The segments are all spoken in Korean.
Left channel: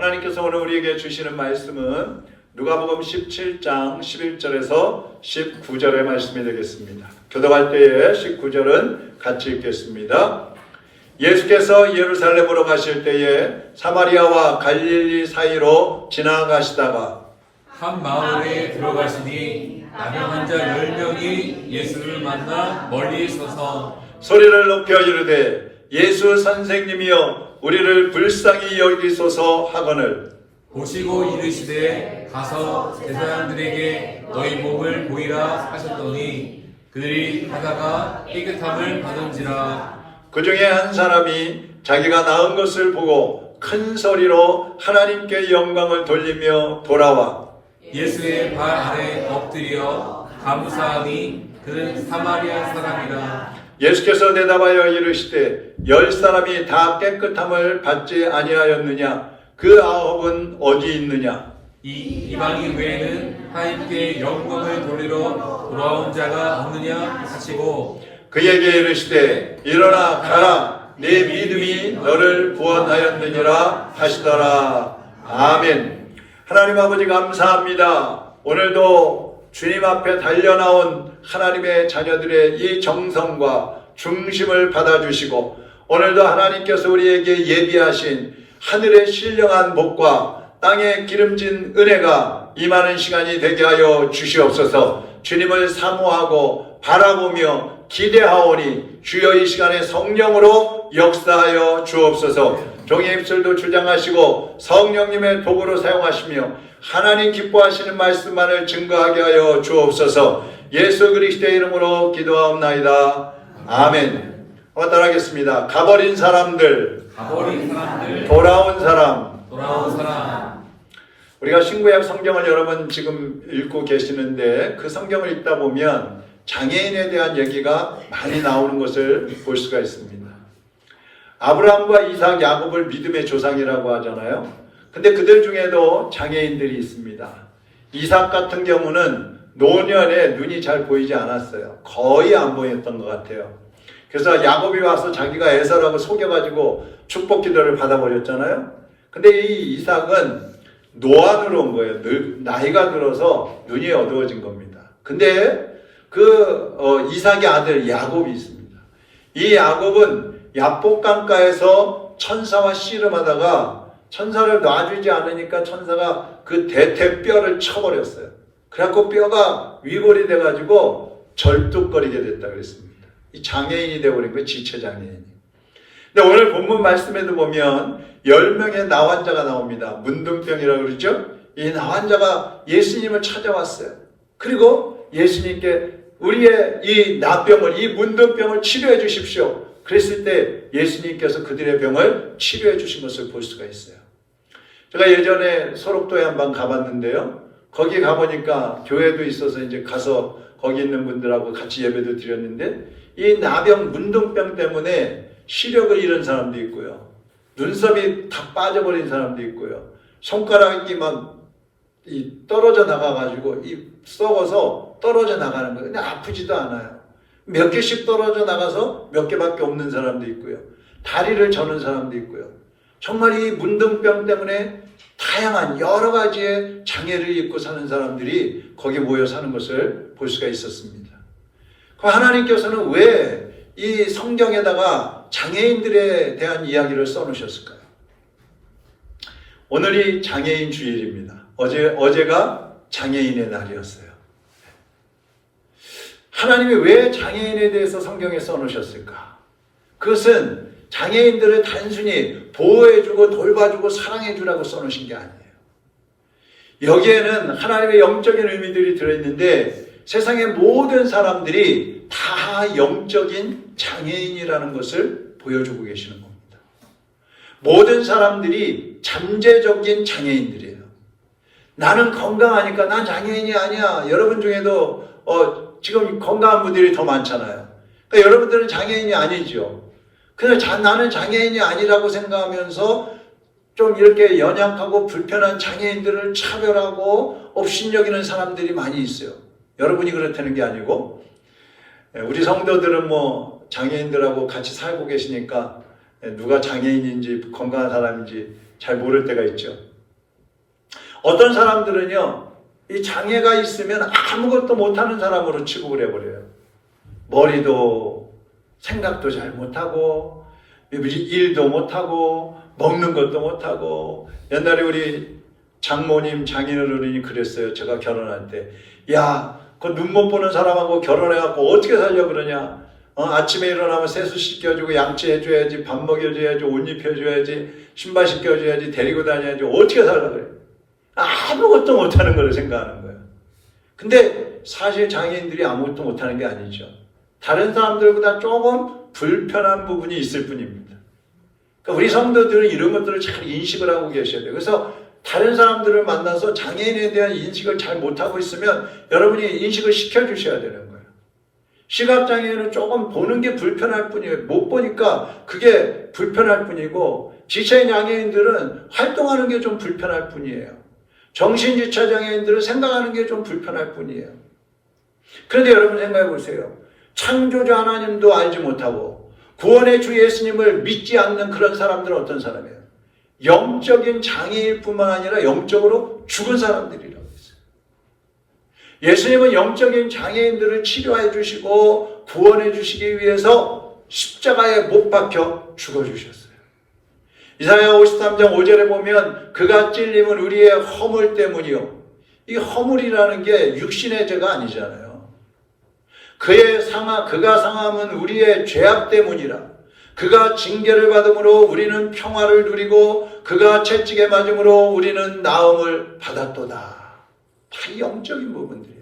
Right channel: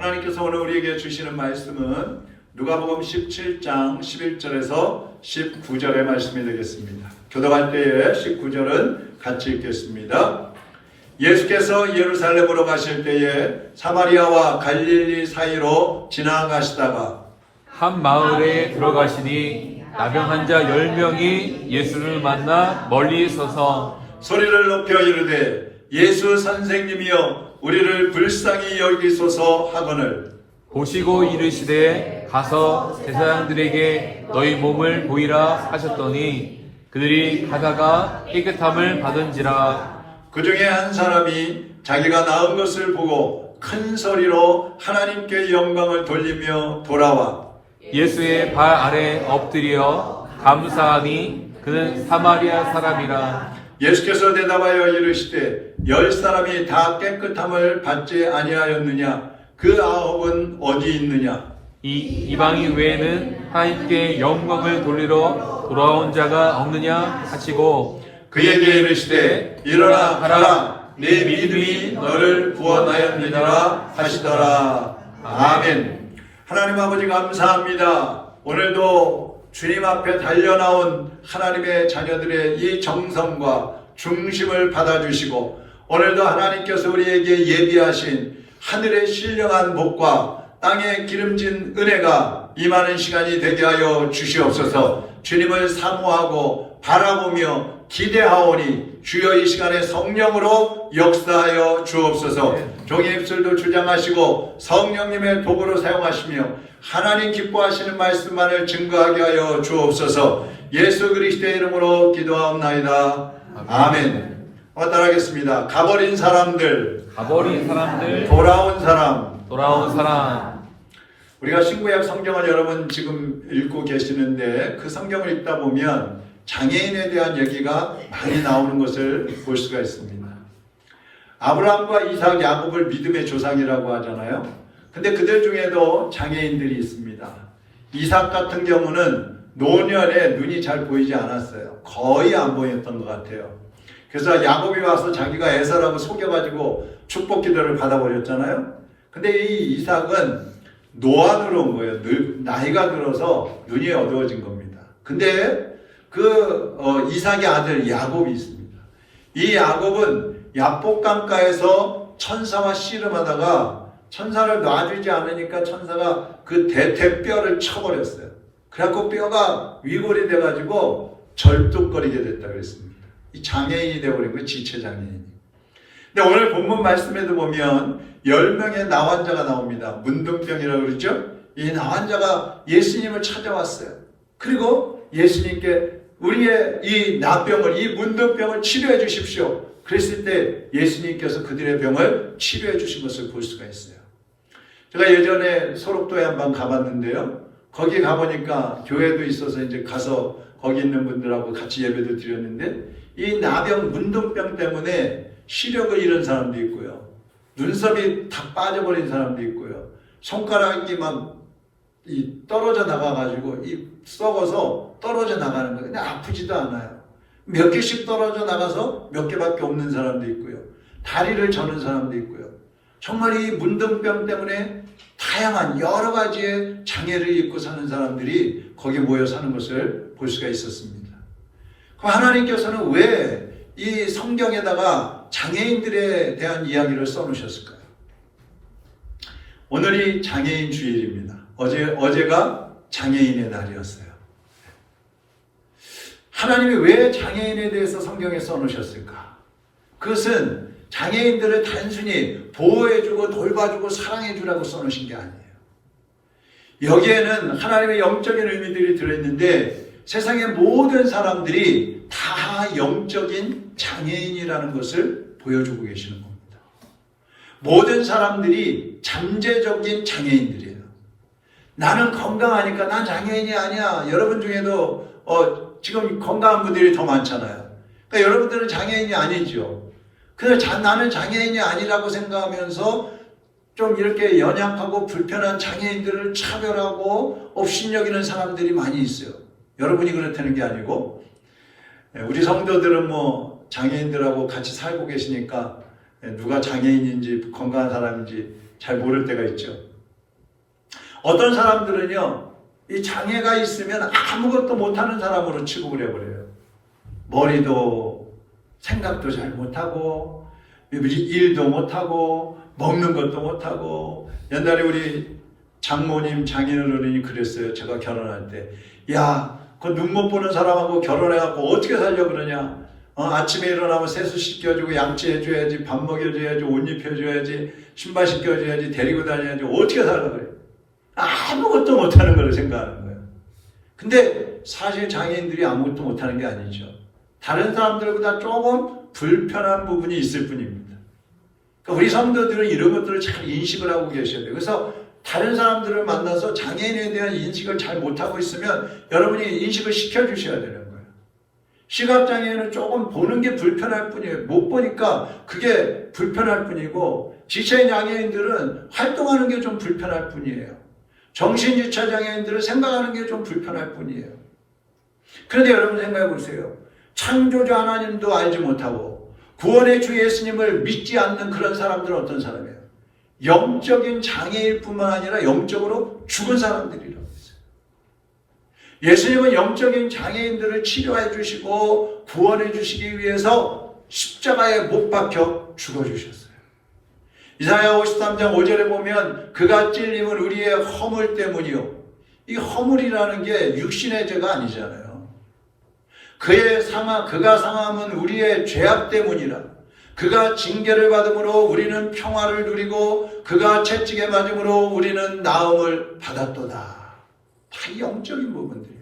하나님께서 오늘 우리에게 주시는 말씀은 누가복음 17장 11절에서 19절의 말씀이 되겠습니다. 교독할 때에 19절은 같이 읽겠습니다. 예수께서 예루살렘으로 가실 때에 사마리아와 갈릴리 사이로 지나가시다가 한 마을에 들어가시니 나병 환자 10명이 예수를 만나 멀리 서서 소리를 높여 이르되 예수 선생님이여 우리를 불쌍히 여기소서 하거늘 보시고 이르시되 가서 제사장들에게 너희 몸을 보이라 하셨더니 그들이 가다가 깨끗함을 받은지라. 그 중에 한 사람이 자기가 나은 것을 보고 큰 소리로 하나님께 영광을 돌리며 돌아와 예수의 발 아래 엎드려 감사하니 그는 사마리아 사람이라. 예수께서 대답하여 이르시되 10사람이 다 깨끗함을 받지 아니하였느냐? 그 9은 어디 있느냐? 이 이방인 외에는 하나님께 영광을 돌리러 돌아온 자가 없느냐 하시고 그에게 이르시되 일어나 가라 네 믿음이 너를 구원하였느니라 하시더라. 아멘. 하나님 아버지 감사합니다. 오늘도 주님 앞에 달려나온 하나님의 자녀들의 이 정성과 중심을 받아주시고 오늘도 하나님께서 우리에게 예비하신 하늘의 신령한 복과 땅의 기름진 은혜가 임하는 시간이 되게 하여 주시옵소서. 주님을 사모하고 바라보며 기대하오니 주여 이 시간에 성령으로 역사하여 주옵소서. 종의 입술도 주장하시고 성령님의 도구로 사용하시며 하나님 기뻐하시는 말씀만을 증거하게 하여 주옵소서. 예수 그리스도의 이름으로 기도하옵나이다. 아멘. 따라하겠습니다. 가버린 사람들, 돌아온 사람. 우리가 신구약 성경을 여러분 지금 읽고 계시는데 그 성경을 읽다 보면 장애인에 대한 얘기가 많이 나오는 것을 볼 수가 있습니다. 아브라함과 이삭, 야곱을 믿음의 조상이라고 하잖아요. 근데 그들 중에도 장애인들이 있습니다. 이삭 같은 경우는 노년에 눈이 잘 보이지 않았어요. 거의 안 보였던 것 같아요. 그래서 야곱이 와서 자기가 에서라고 속여가지고 축복 기도를 받아버렸잖아요. 근데 이 이삭은 노안으로 온 거예요. 나이가 들어서 눈이 어두워진 겁니다. 근데 이삭의 아들 야곱이 있습니다. 이 야곱은 야복강가에서 천사와 씨름하다가 천사를 놔주지 않으니까 천사가 그 대퇴뼈를 쳐버렸어요. 그래갖고 뼈가 위골이 돼가지고 절뚝거리게 됐다 그랬습니다. 이 장애인이 되어버린 거예요. 지체장애인이. 근데 오늘 본문 말씀에도 보면 10명의 나환자가 나옵니다. 문둥병이라고 그러죠. 이 나환자가 예수님을 찾아왔어요. 그리고 예수님께 우리의 이 나병을, 이 문둥병을 치료해 주십시오. 그랬을 때 예수님께서 그들의 병을 치료해 주신 것을 볼 수가 있어요. 제가 예전에 소록도에 한번 가봤는데요. 거기 가보니까 교회도 있어서 이제 가서 거기 있는 분들하고 같이 예배도 드렸는데 이 나병, 문둥병 때문에 시력을 잃은 사람도 있고요. 눈썹이 다 빠져버린 사람도 있고요. 손가락이 막 떨어져 나가가지고 썩어서 떨어져 나가는 거예요. 근데 아프지도 않아요. 몇 개씩 떨어져 나가서 몇 개밖에 없는 사람도 있고요. 다리를 저는 사람도 있고요. 정말 이 문둥병 때문에 다양한 여러 가지의 장애를 입고 사는 사람들이 거기 모여 사는 것을 볼 수가 있었습니다. 그럼 하나님께서는 왜 이 성경에다가 장애인들에 대한 이야기를 써놓으셨을까요? 오늘이 장애인 주일입니다. 어제가 장애인의 날이었어요. 하나님이 왜 장애인에 대해서 성경에 써놓으셨을까? 그것은 장애인들을 단순히 보호해주고 돌봐주고 사랑해주라고 써놓으신 게 아니에요. 여기에는 하나님의 영적인 의미들이 들어있는데 세상의 모든 사람들이 다 영적인 장애인이라는 것을 보여주고 계시는 겁니다. 모든 사람들이 잠재적인 장애인들이에요. 나는 건강하니까 난 장애인이 아니야. 여러분 중에도 지금 건강한 분들이 더 많잖아요. 그러니까 여러분들은 장애인이 아니죠. 그래서 나는 장애인이 아니라고 생각하면서 좀 이렇게 연약하고 불편한 장애인들을 차별하고 업신여기는 사람들이 많이 있어요. 여러분이 그렇다는 게 아니고 우리 성도들은 장애인들하고 같이 살고 계시니까 누가 장애인인지 건강한 사람인지 잘 모를 때가 있죠. 어떤 사람들은요, 이 장애가 있으면 아무것도 못하는 사람으로 취급을 해버려요. 머리도 생각도 잘 못하고 일도 못하고 먹는 것도 못하고. 옛날에 우리 장모님 장인어른이 그랬어요. 제가 결혼할 때, 야, 그 눈 못 보는 사람하고 결혼해갖고 어떻게 살려 그러냐. 아침에 일어나면 세수 씻겨주고 양치해줘야지, 밥 먹여줘야지, 옷 입혀줘야지, 신발 씻겨줘야지, 데리고 다녀야지, 어떻게 살라 그래. 아무것도 못하는 걸 생각하는 거예요. 근데 사실 장애인들이 아무것도 못하는 게 아니죠. 다른 사람들보다 조금 불편한 부분이 있을 뿐입니다. 그러니까 우리 성도들은 이런 것들을 잘 인식을 하고 계셔야 돼요. 그래서 다른 사람들을 만나서 장애인에 대한 인식을 잘 못하고 있으면 여러분이 인식을 시켜주셔야 되는 거예요. 시각장애인은 조금 보는 게 불편할 뿐이에요. 못 보니까 그게 불편할 뿐이고, 지체인 장애인들은 활동하는 게 좀 불편할 뿐이에요. 정신지체 장애인들은 생각하는 게 좀 불편할 뿐이에요. 그런데 여러분 생각해 보세요. 창조주 하나님도 알지 못하고 구원의 주 예수님을 믿지 않는 그런 사람들은 어떤 사람이에요? 영적인 장애일 뿐만 아니라 영적으로 죽은 사람들이라고 했어요. 예수님은 영적인 장애인들을 치료해 주시고 구원해 주시기 위해서 십자가에 못 박혀 죽어주셨어요. 이사야 53장 5절에 보면 그가 찔림은 우리의 허물 때문이요. 이 허물이라는 게 육신의 죄가 아니잖아요. 그가 상함은 우리의 죄악 때문이라. 그가 징계를 받음으로 우리는 평화를 누리고 그가 채찍에 맞음으로 우리는 나음을 받았도다. 다 영적인 부분들이에요.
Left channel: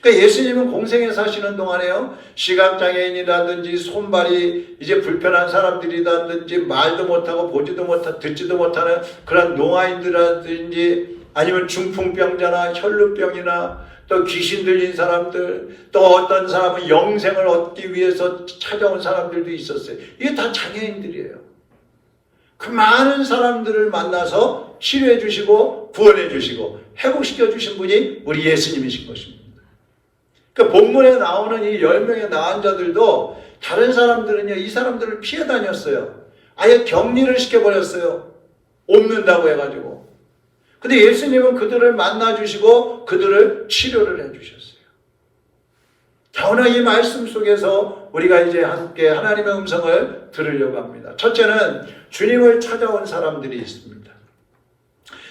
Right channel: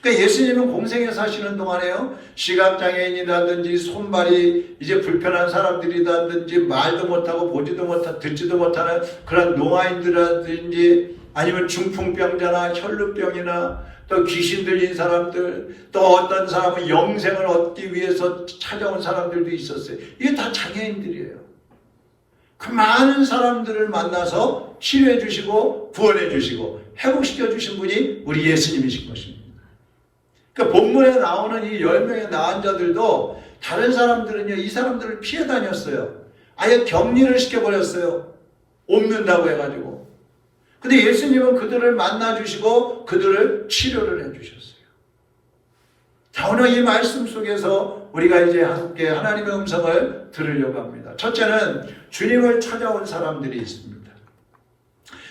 그러니까 예수님은 공생에 사시는 동안에요, 시각장애인이라든지 손발이 이제 불편한 사람들이라든지 말도 못하고 보지도 못하고 듣지도 못하는 그런 노아인들이라든지 아니면 중풍병자나 혈루병이나 또 귀신 들린 사람들, 또 어떤 사람은 영생을 얻기 위해서 찾아온 사람들도 있었어요. 이게 다 장애인들이에요. 그 많은 사람들을 만나서 치료해 주시고 구원해 주시고 회복시켜 주신 분이 우리 예수님이신 것입니다. 그 본문에 나오는 이 10명의 나은 자들도 다른 사람들은요, 이 사람들을 피해 다녔어요. 아예 격리를 시켜버렸어요. 옮는다고 해가지고. 근데 예수님은 그들을 만나주시고 그들을 치료를 해주셨어요. 자, 오늘 이 말씀 속에서 우리가 이제 함께 하나님의 음성을 들으려고 합니다. 첫째는 주님을 찾아온 사람들이 있습니다.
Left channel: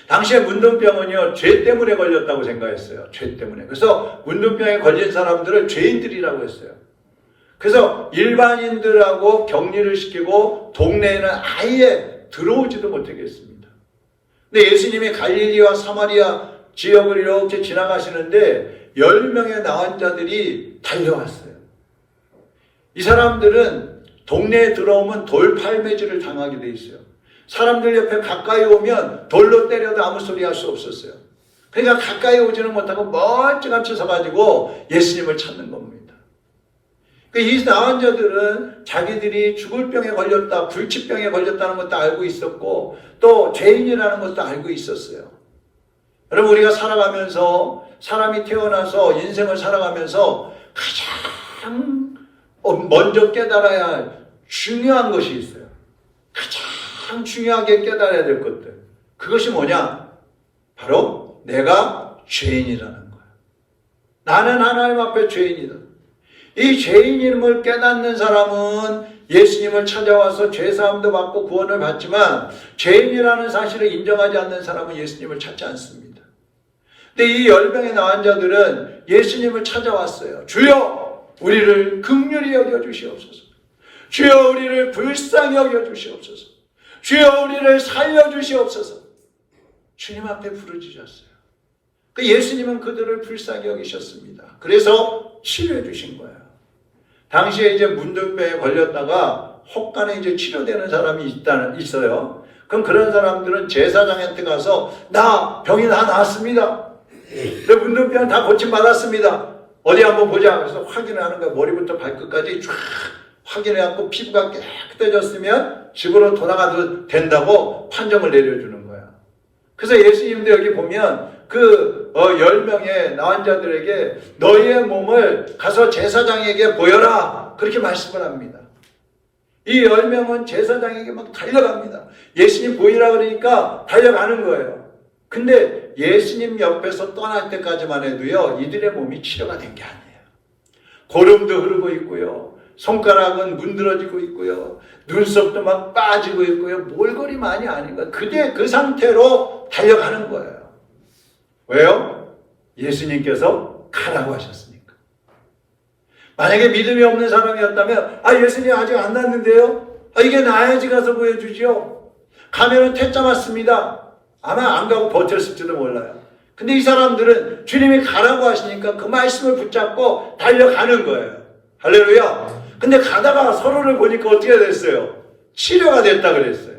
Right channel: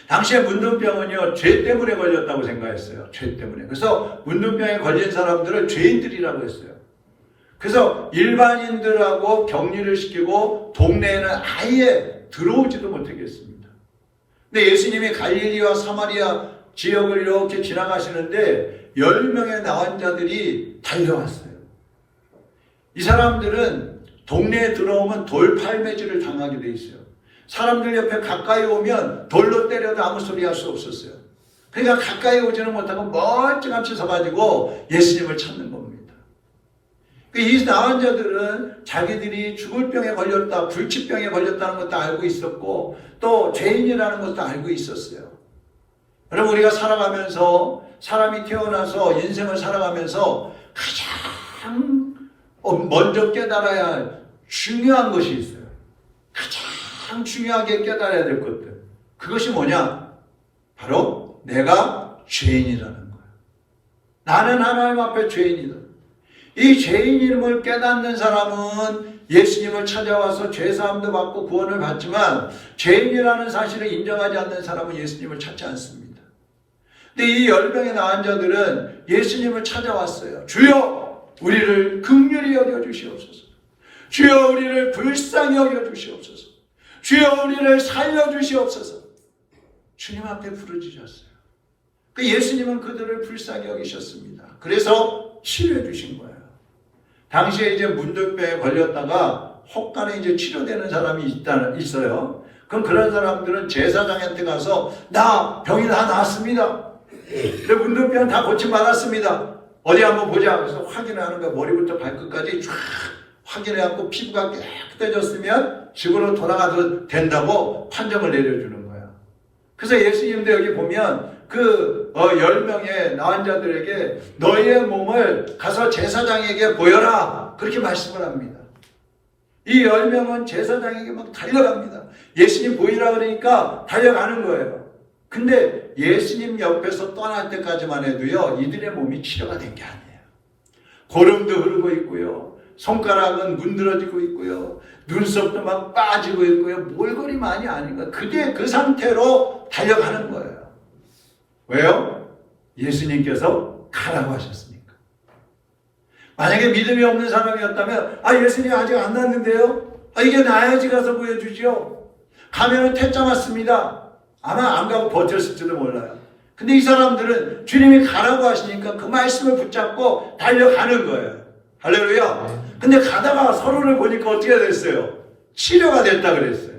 당시에 문둥병은요, 죄 때문에 걸렸다고 생각했어요. 죄 때문에. 그래서 문둥병에 걸린 사람들을 죄인들이라고 했어요. 그래서 일반인들하고 격리를 시키고 동네에는 아예 들어오지도 못하게 했습니다. 근데 예수님이 갈릴리와 사마리아 지역을 이렇게 지나가시는데 10명의 나은 자들이 달려왔어요. 이 사람들은 동네에 들어오면 돌팔매질을 당하게 돼 있어요. 사람들 옆에 가까이 오면 돌로 때려도 아무 소리 할 수 없었어요. 그러니까 가까이 오지는 못하고 멀찌감치 서가지고 예수님을 찾는 겁니다. 이 나은 자들은 자기들이 죽을 병에 걸렸다, 불치병에 걸렸다는 것도 알고 있었고 또 죄인이라는 것도 알고 있었어요. 여러분, 우리가 살아가면서, 사람이 태어나서 인생을 살아가면서 가장 먼저 깨달아야 할 중요한 것이 있어요. 가장 중요하게 깨달아야 될 것들. 그것이 뭐냐? 바로 내가 죄인이라는 거야. 나는 하나님 앞에 죄인이다. 이 죄인임을 깨닫는 사람은 예수님을 찾아와서 죄사함도 받고 구원을 받지만 죄인이라는 사실을 인정하지 않는 사람은 예수님을 찾지 않습니다. 근데 이 10명의 나은 자들은 예수님을 찾아왔어요. 주여, 우리를 긍휼히 여겨주시옵소서. 주여, 우리를 불쌍히 여겨주시옵소서. 주여, 우리를 살려주시옵소서. 주님 앞에 부르짖었어요. 그 예수님은 그들을 불쌍히 여기셨습니다. 그래서 치료해 주신 거예요. 당시에 이제 문둥병에 걸렸다가 혹간에 이제 치료되는 사람이 있어요. 그럼 그런 사람들은 제사장한테 가서 나 병이 다 나았습니다. 내 문둥병 다 고침받았습니다. 어디 한번 보자. 그래서 확인을 하는 거야. 머리부터 발끝까지 쫙 확인해갖고 피부가 깨끗해졌으면 집으로 돌아가도 된다고 판정을 내려주는 거야. 그래서 예수님도 여기 보면 그 10명의 나은 자들에게 너희의 몸을 가서 제사장에게 보여라, 그렇게 말씀을 합니다. 이 10명은 제사장에게 막 달려갑니다. 예수님 보이라 그러니까 달려가는 거예요. 근데 예수님 옆에서 떠날 때까지만 해도요, 이들의 몸이 치료가 된 게 아니에요. 고름도 흐르고 있고요, 손가락은 문드러지고 있고요, 눈썹도 막 빠지고 있고요, 몰골이만이 아닌가. 그대 그 상태로 달려가는 거예요. 왜요? 예수님께서 가라고 하셨으니까. 만약에 믿음이 없는 사람이었다면, 예수님 아직 안 났는데요? 이게 나야지 가서 보여주죠. 가면은 퇴짜 맞습니다. 아마 안 가고 버텼을지도 몰라요. 근데 이 사람들은 주님이 가라고 하시니까 그 말씀을 붙잡고 달려가는 거예요. 할렐루야. 근데 가다가 서로를 보니까 어떻게 됐어요? 치료가 됐다 그랬어요.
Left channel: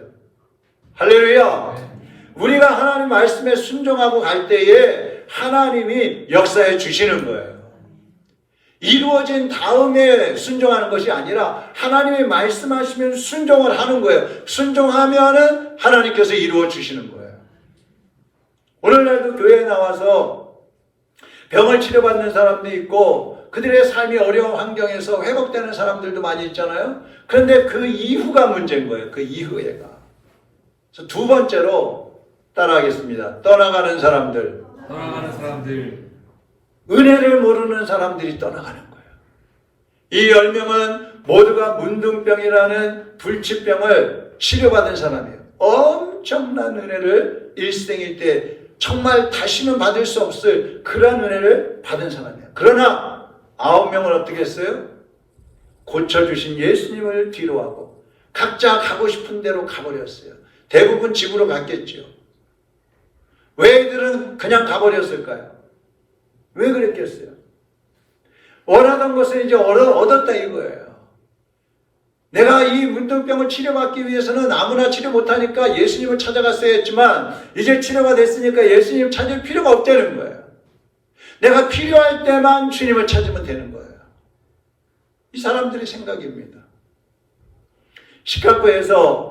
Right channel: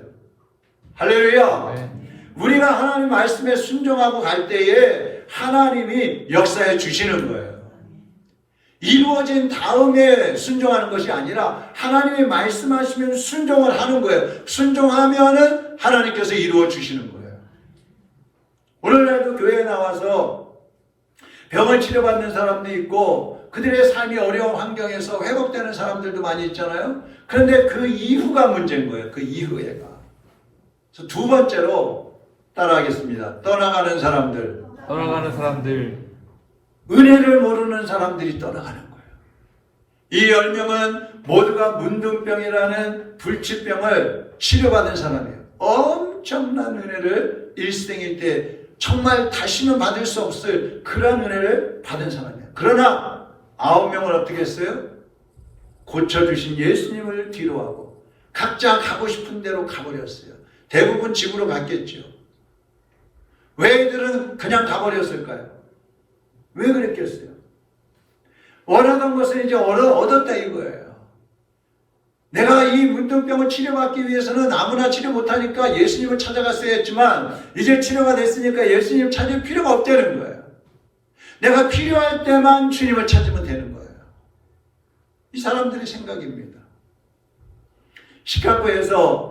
할렐루야. 우리가 하나님 말씀에 순종하고 갈 때에 하나님이 역사해 주시는 거예요. 이루어진 다음에 순종하는 것이 아니라 하나님이 말씀하시면 순종을 하는 거예요. 순종하면은 하나님께서 이루어 주시는 거예요. 오늘날도 교회에 나와서 병을 치료받는 사람도 있고 그들의 삶이 어려운 환경에서 회복되는 사람들도 많이 있잖아요. 그런데 그 이후가 문제인 거예요. 그 이후에가. 그래서 두 번째로 따라하겠습니다. 떠나가는 사람들. 은혜를 모르는 사람들이 떠나가는 거예요. 이 10명은 모두가 문둥병이라는 불치병을 치료받은 사람이에요. 엄청난 은혜를 일생일 때 정말 다시는 받을 수 없을 그런 은혜를 받은 사람이에요. 그러나 9명은 어떻게 했어요? 고쳐주신 예수님을 뒤로하고 각자 가고 싶은 대로 가버렸어요. 대부분 집으로 갔겠죠. 왜 애들은 그냥 가버렸을까요? 왜 그랬겠어요? 원하던 것을 이제 얻었다 이거예요. 내가 이 문둥병을 치료받기 위해서는 아무나 치료 못하니까 예수님을 찾아갔어야 했지만 이제 치료가 됐으니까 예수님 찾을 필요가 없다는 거예요. 내가 필요할 때만 주님을 찾으면 되는 거예요. 이 사람들의 생각입니다. 시카고에서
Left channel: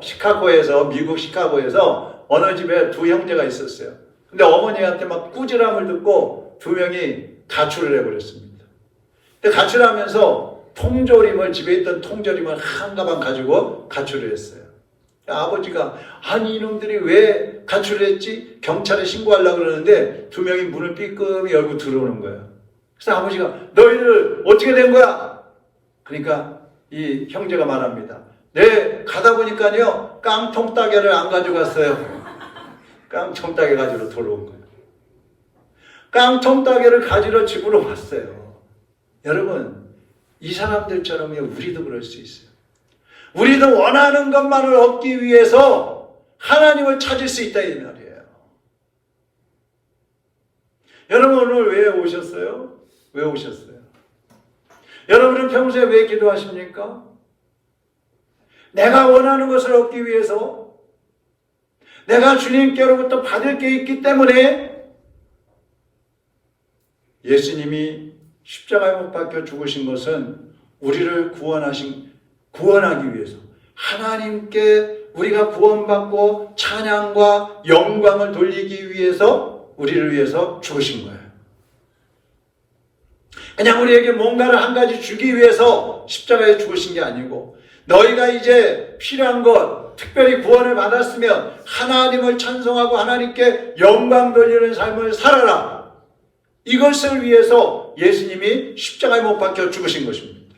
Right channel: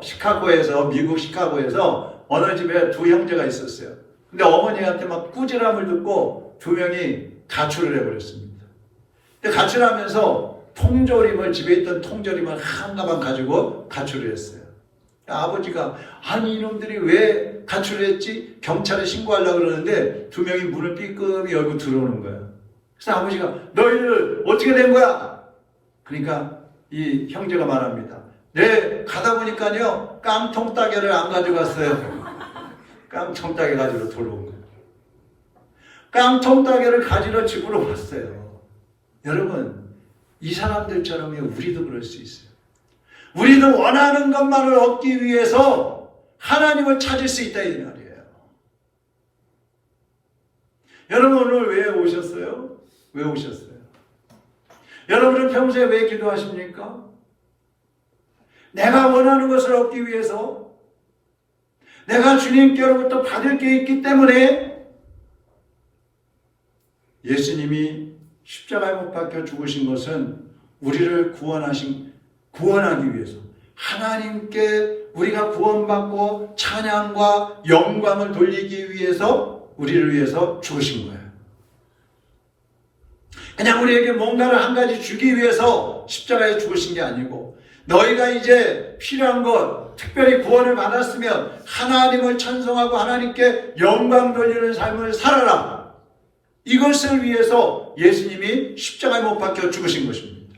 미국 시카고에서 어느 집에 두 형제가 있었어요. 근데 어머니한테 막 꾸지람을 듣고 두 명이 가출을 해버렸습니다. 근데 가출하면서 집에 있던 통조림을 한 가방 가지고 가출을 했어요. 아버지가 아니 이놈들이 왜 가출을 했지? 경찰에 신고하려고 그러는데 두 명이 문을 삐끔히 열고 들어오는 거예요. 그래서 아버지가 너희들 어떻게 된 거야? 그러니까 이 형제가 말합니다. 네, 가다 보니까요 깡통 따개를 안 가져갔어요. 깡통 따개 가지러 돌아온 거예요. 깡통 따개를 가지러 집으로 왔어요. 여러분, 이 사람들처럼 우리도 그럴 수 있어요. 우리도 원하는 것만을 얻기 위해서 하나님을 찾을 수 있다 이 말이에요. 여러분 오늘 왜 오셨어요? 왜 오셨어요? 여러분은 평소에 왜 기도하십니까? 내가 원하는 것을 얻기 위해서, 내가 주님께로부터 받을 게 있기 때문에 예수님이 십자가에 못 박혀 죽으신 것은 우리를 구원하기 위해서, 하나님께 우리가 구원받고 찬양과 영광을 돌리기 위해서 우리를 위해서 죽으신 거예요. 그냥 우리에게 뭔가를 한 가지 주기 위해서 십자가에 죽으신 게 아니고, 너희가 이제 필요한 것, 특별히 구원을 받았으면 하나님을 찬송하고 하나님께 영광 돌리는 삶을 살아라. 이것을 위해서 예수님이 십자가에 못 박혀 죽으신 것입니다.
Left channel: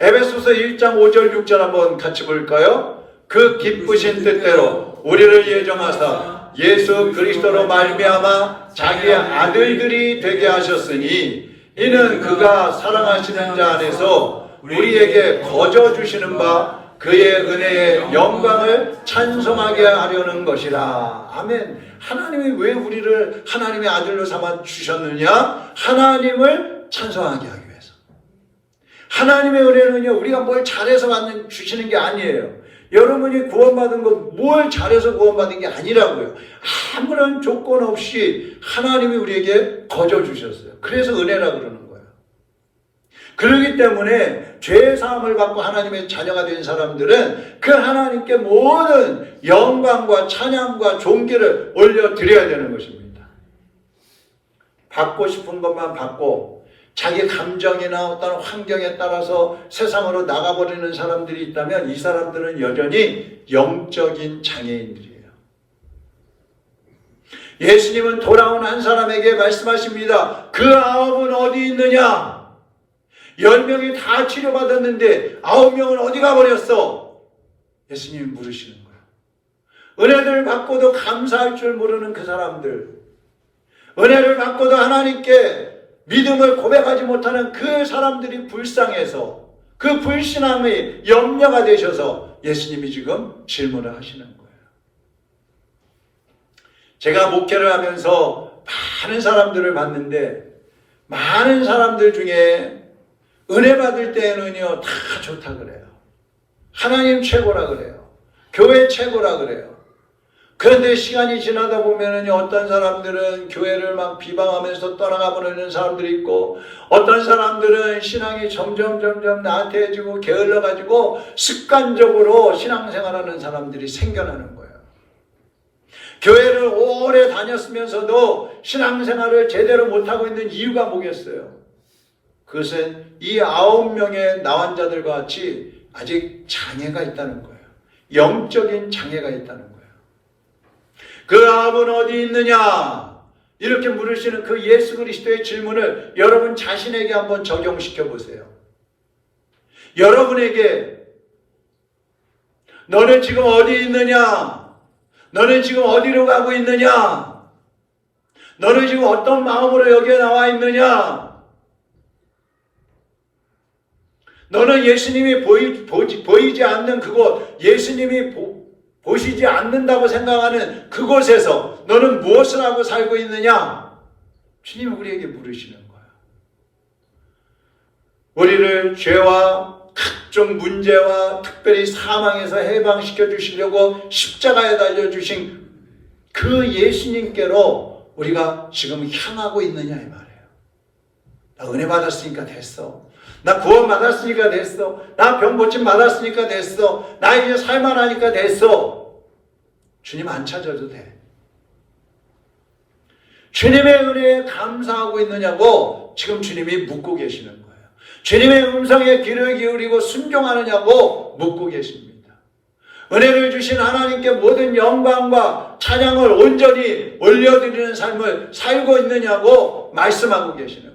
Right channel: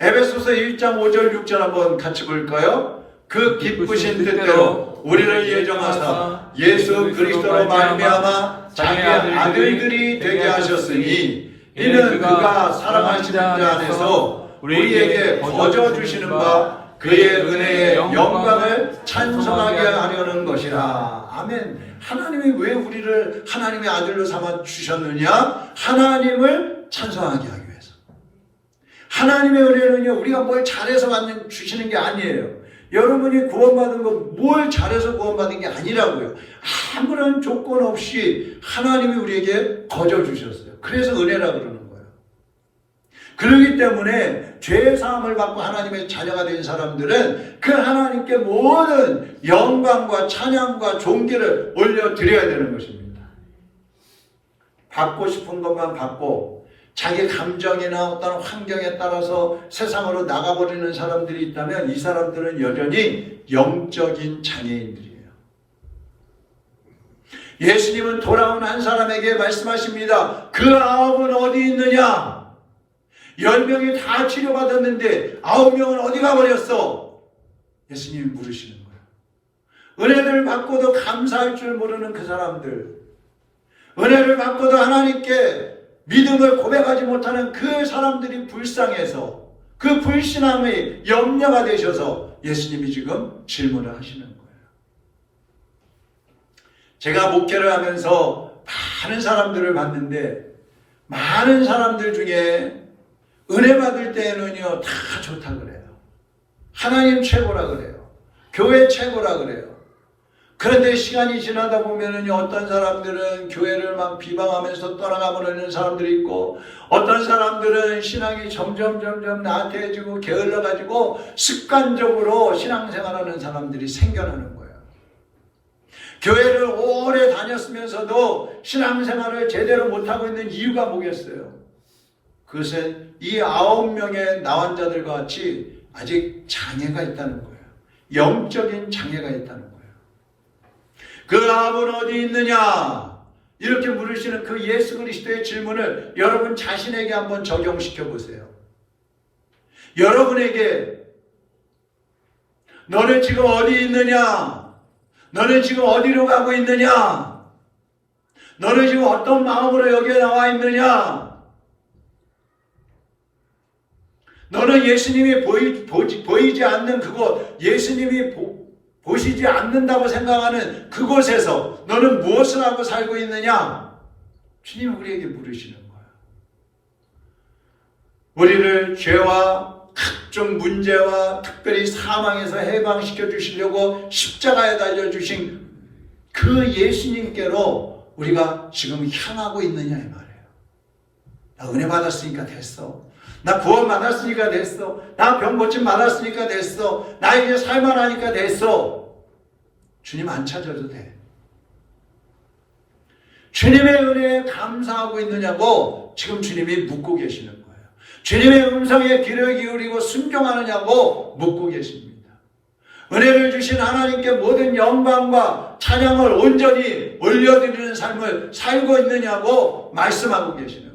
에베소서 1장 5절 6절 한번 같이 볼까요? 그 기쁘신 뜻대로 우리를 예정하사 예수 그리스도로 말미암아 자기의 아들들이 되게 하셨으니 이는 그가 사랑하시는 자 안에서 우리에게 거저 주시는 바 그의 은혜의 영광을 찬송하게 하려는 것이라. 아멘. 하나님이 왜 우리를 하나님의 아들로 삼아 주셨느냐? 하나님을 찬송하게 하기 위해서. 하나님의 은혜는요, 우리가 뭘 잘해서 주시는 게 아니에요. 여러분이 구원받은 거 뭘 잘해서 구원받은 게 아니라고요. 아무런 조건 없이 하나님이 우리에게 거저 주셨어요. 그래서 은혜라고 그러는 거예요. 그렇기 때문에 죄의 사함을 받고 하나님의 자녀가 된 사람들은 그 하나님께 모든 영광과 찬양과 존귀를 올려드려야 되는 것입니다. 받고 싶은 것만 받고 자기 감정이나 어떤 환경에 따라서 세상으로 나가버리는 사람들이 있다면 이 사람들은 여전히 영적인 장애인들이에요. 예수님은 돌아온 한 사람에게 말씀하십니다. 그 9은 어디 있느냐? 10명이 다 치료받았는데 9명은 어디 가버렸어? 예수님이 물으시는 거예요. 은혜를 받고도 감사할 줄 모르는 그 사람들, 은혜를 받고도 하나님께 믿음을 고백하지 못하는 그 사람들이 불쌍해서 그 불신함의 염려가 되셔서 예수님이 지금 질문을 하시는 거예요. 제가 목회를 하면서 많은 사람들을 봤는데 많은 사람들 중에 은혜 받을 때에는요 다 좋다 그래요. 하나님 최고라 그래요. 교회 최고라 그래요. 그런데 시간이 지나다 보면은 어떤 사람들은 교회를 막 비방하면서 떠나가버리는 사람들이 있고, 어떤 사람들은 신앙이 점점 나태해지고 게을러가지고 습관적으로 신앙생활하는 사람들이 생겨나는 거예요. 교회를 오래 다녔으면서도 신앙생활을 제대로 못하고 있는 이유가 뭐겠어요? 그것은 이 9명의 나환자들과 같이 아직 장애가 있다는 거예요. 영적인 장애가 있다는 거예요. 그 9은 어디 있느냐? 이렇게 물으시는 그 예수 그리스도의 질문을 여러분 자신에게 한번 적용시켜 보세요. 여러분에게 너는 지금 어디 있느냐? 너는 지금 어디로 가고 있느냐? 너는 지금 어떤 마음으로 여기에 나와 있느냐? 너는 예수님이 보이지 않는 그곳, 예수님이 보시지 않는다고 생각하는 그곳에서 너는 무엇을 하고 살고 있느냐? 주님은 우리에게 물으시는 거야. 우리를 죄와 각종 문제와 특별히 사망에서 해방시켜 주시려고 십자가에 달려주신 그 예수님께로 우리가 지금 향하고 있느냐 이 말이에요. 나 은혜 받았으니까 됐어. 나 구원 받았으니까 됐어. 나 병 고침 받았으니까 됐어. 나 이제 살만하니까 됐어. 주님 안 찾아도 돼. 주님의 은혜에 감사하고 있느냐고 지금 주님이 묻고 계시는 거예요. 주님의 음성에 귀를 기울이고 순종하느냐고 묻고 계십니다. 은혜를 주신 하나님께 모든 영광과 찬양을 온전히 올려드리는 삶을 살고 있느냐고 말씀하고 계시는 거예요.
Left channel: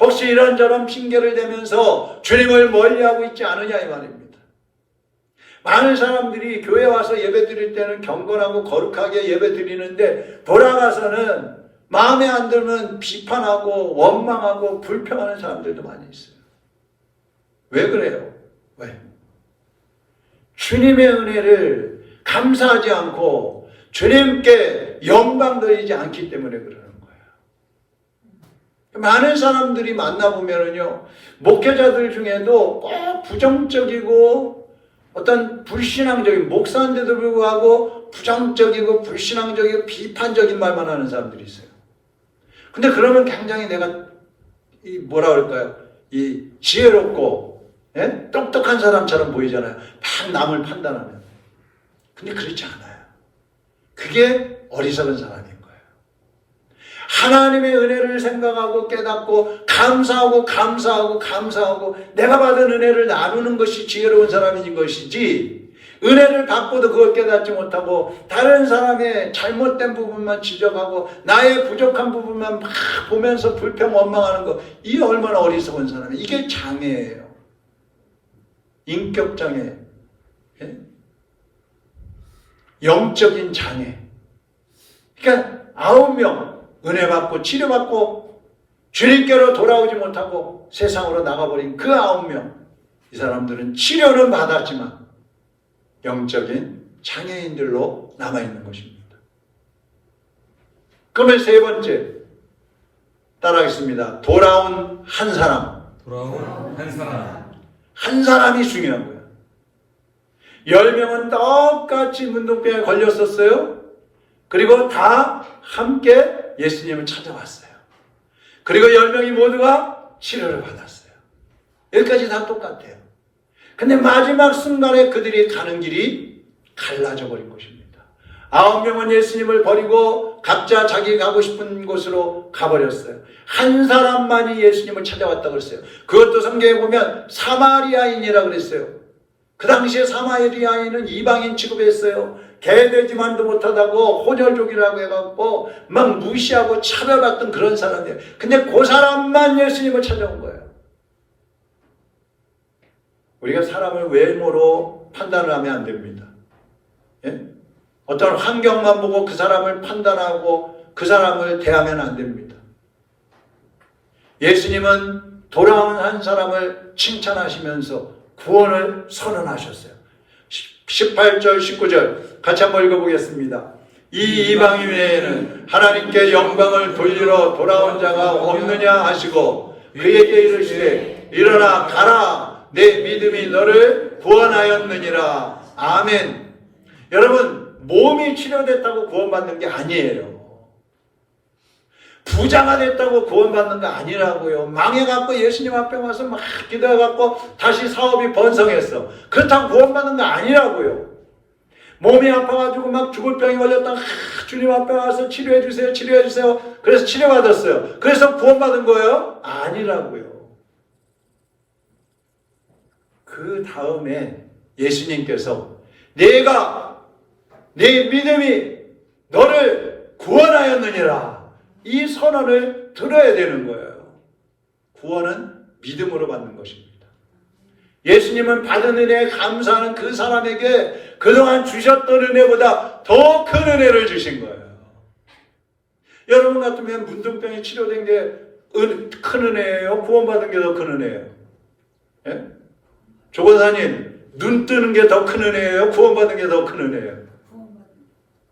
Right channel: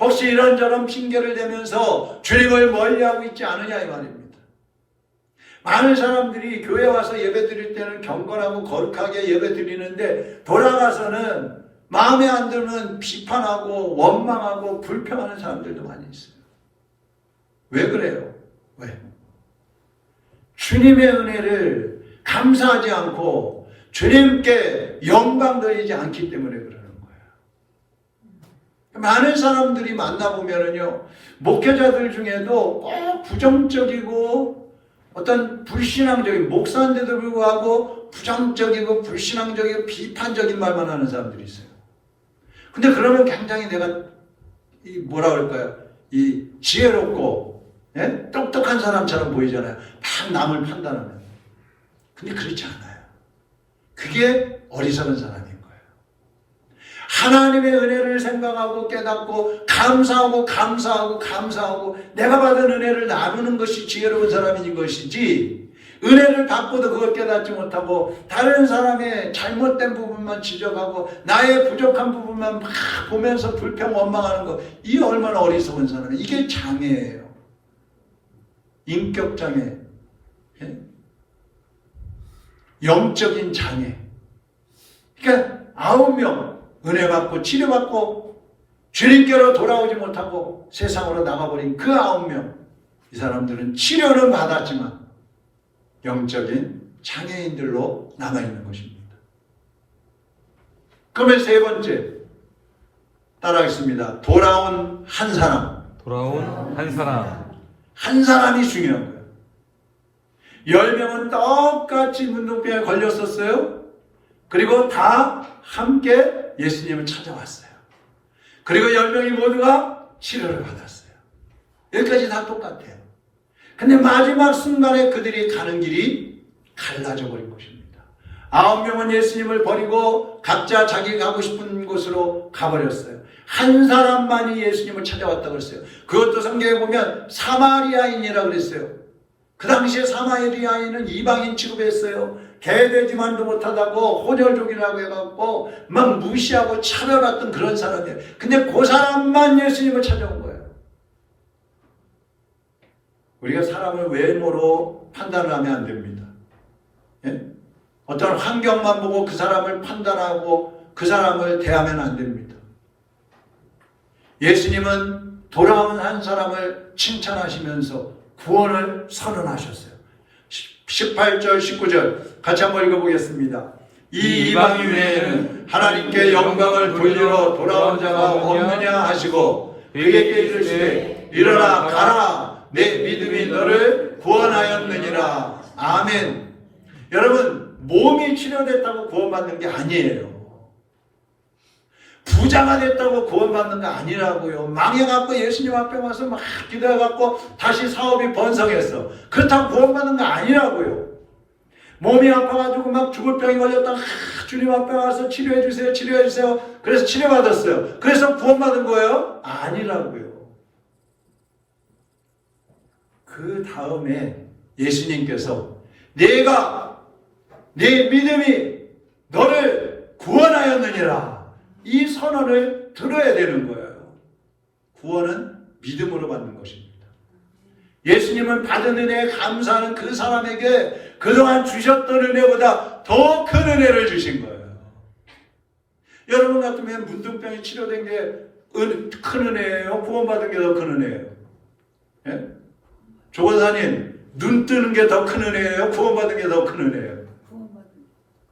혹시 이런저런 핑계를 대면서 주님을 멀리하고 있지 않느냐 이 말입니다. 많은 사람들이 교회 와서 예배 드릴 때는 경건하고 거룩하게 예배 드리는데 돌아가서는 마음에 안 들면 비판하고 원망하고 불평하는 사람들도 많이 있어요. 왜 그래요? 왜? 주님의 은혜를 감사하지 않고 주님께 영광 돌리지 않기 때문에 그러는 거예요. 많은 사람들이 만나보면요, 목회자들 중에도 꼭 부정적이고 어떤 불신앙적인, 목사인데도 불구하고 부정적이고 불신앙적이고 비판적인 말만 하는 사람들이 있어요. 근데 그러면 굉장히 내가 뭐라 그럴까요? 이 지혜롭고 똑똑한 사람처럼 보이잖아요. 막 남을 판단하는. 근데 그렇지 않아요. 그게 어리석은 사람인 거예요. 하나님의 은혜를 생각하고 깨닫고 감사하고 내가 받은 은혜를 나누는 것이 지혜로운 사람인 것이지, 은혜를 받고도 그걸 깨닫지 못하고 다른 사람의 잘못된 부분만 지적하고 나의 부족한 부분만 막 보면서 불평 원망하는 거, 이게 얼마나 어리석은 사람이에요. 이게 장애예요. 인격 장애, 영적인 장애. 그러니까 9명 은혜 받고 치료받고 주님께로 돌아오지 못하고 세상으로 나가버린 그 9명, 이 사람들은 치료는 받았지만 영적인 장애인들로 남아있는 것입니다. 그러면 세 번째 따라하겠습니다. 돌아온 한 사람. 돌아온 한 사람. 한 사람이 중요한 거예요. 10명은 똑같이 문둥병에 걸렸었어요. 그리고 다 함께 예수님을 찾아왔어요. 그리고 10명이 모두가 치료를 받았어요. 여기까지 다 똑같아요. 근데 마지막 순간에 그들이 가는 길이 갈라져 버린 것입니다. 9명은 예수님을 버리고 각자 자기 가고 싶은 곳으로 가버렸어요. 한 사람만이 예수님을 찾아왔다고 그랬어요. 그것도 성경에 보면 사마리아인이라고 그랬어요. 그 당시에 사마리아인은 이방인 취급했어요. 개돼지만도 못하다고 혼혈족이라고 해갖고 막 무시하고 차별받던 그런 사람이에요. 근데 그 사람만 예수님을 찾아온 거예요. 우리가 사람을 외모로 판단을 하면 안 됩니다. 예? 어떤 환경만 보고 그 사람을 판단하고 그 사람을 대하면 안 됩니다. 예수님은 돌아온 한 사람을 칭찬하시면서 구원을 선언하셨어요. 18절, 19절 같이 한번 읽어보겠습니다. 이 이방인 외에는 하나님께 영광을 돌리러 돌아온 자가 없느냐 하시고 그에게 이르시되 일어나 가라 내 믿음이 너를 구원하였느니라. 아멘. 여러분, 몸이 치료됐다고 구원받는 게 아니에요. 부자가 됐다고 구원받는 거 아니라고요. 망해갖고 예수님 앞에 와서 막 기도해갖고 다시 사업이 번성했어. 그렇다고 구원받는 거 아니라고요. 몸이 아파가지고 막 죽을 병이 걸렸다가 주님 앞에 와서 치료해주세요, 치료해주세요. 그래서 치료받았어요. 그래서 구원받은 거예요? 아니라고요. 그 다음에 예수님께서 내가 네 믿음이 너를 구원하였느니라. 이 선언을 들어야 되는 거예요. 구원은 믿음으로 받는 것입니다. 예수님은 받은 은혜에 감사하는 그 사람에게 그동안 주셨던 은혜보다 더 큰 은혜를 주신 거예요. 여러분 같으면 문둥병이 치료된 게 큰 은혜예요? 구원받은 게 더 큰 은혜예요? 예? 조건사님, 눈 뜨는 게 더 큰 은혜예요? 구원받은 게 더 큰 은혜예요?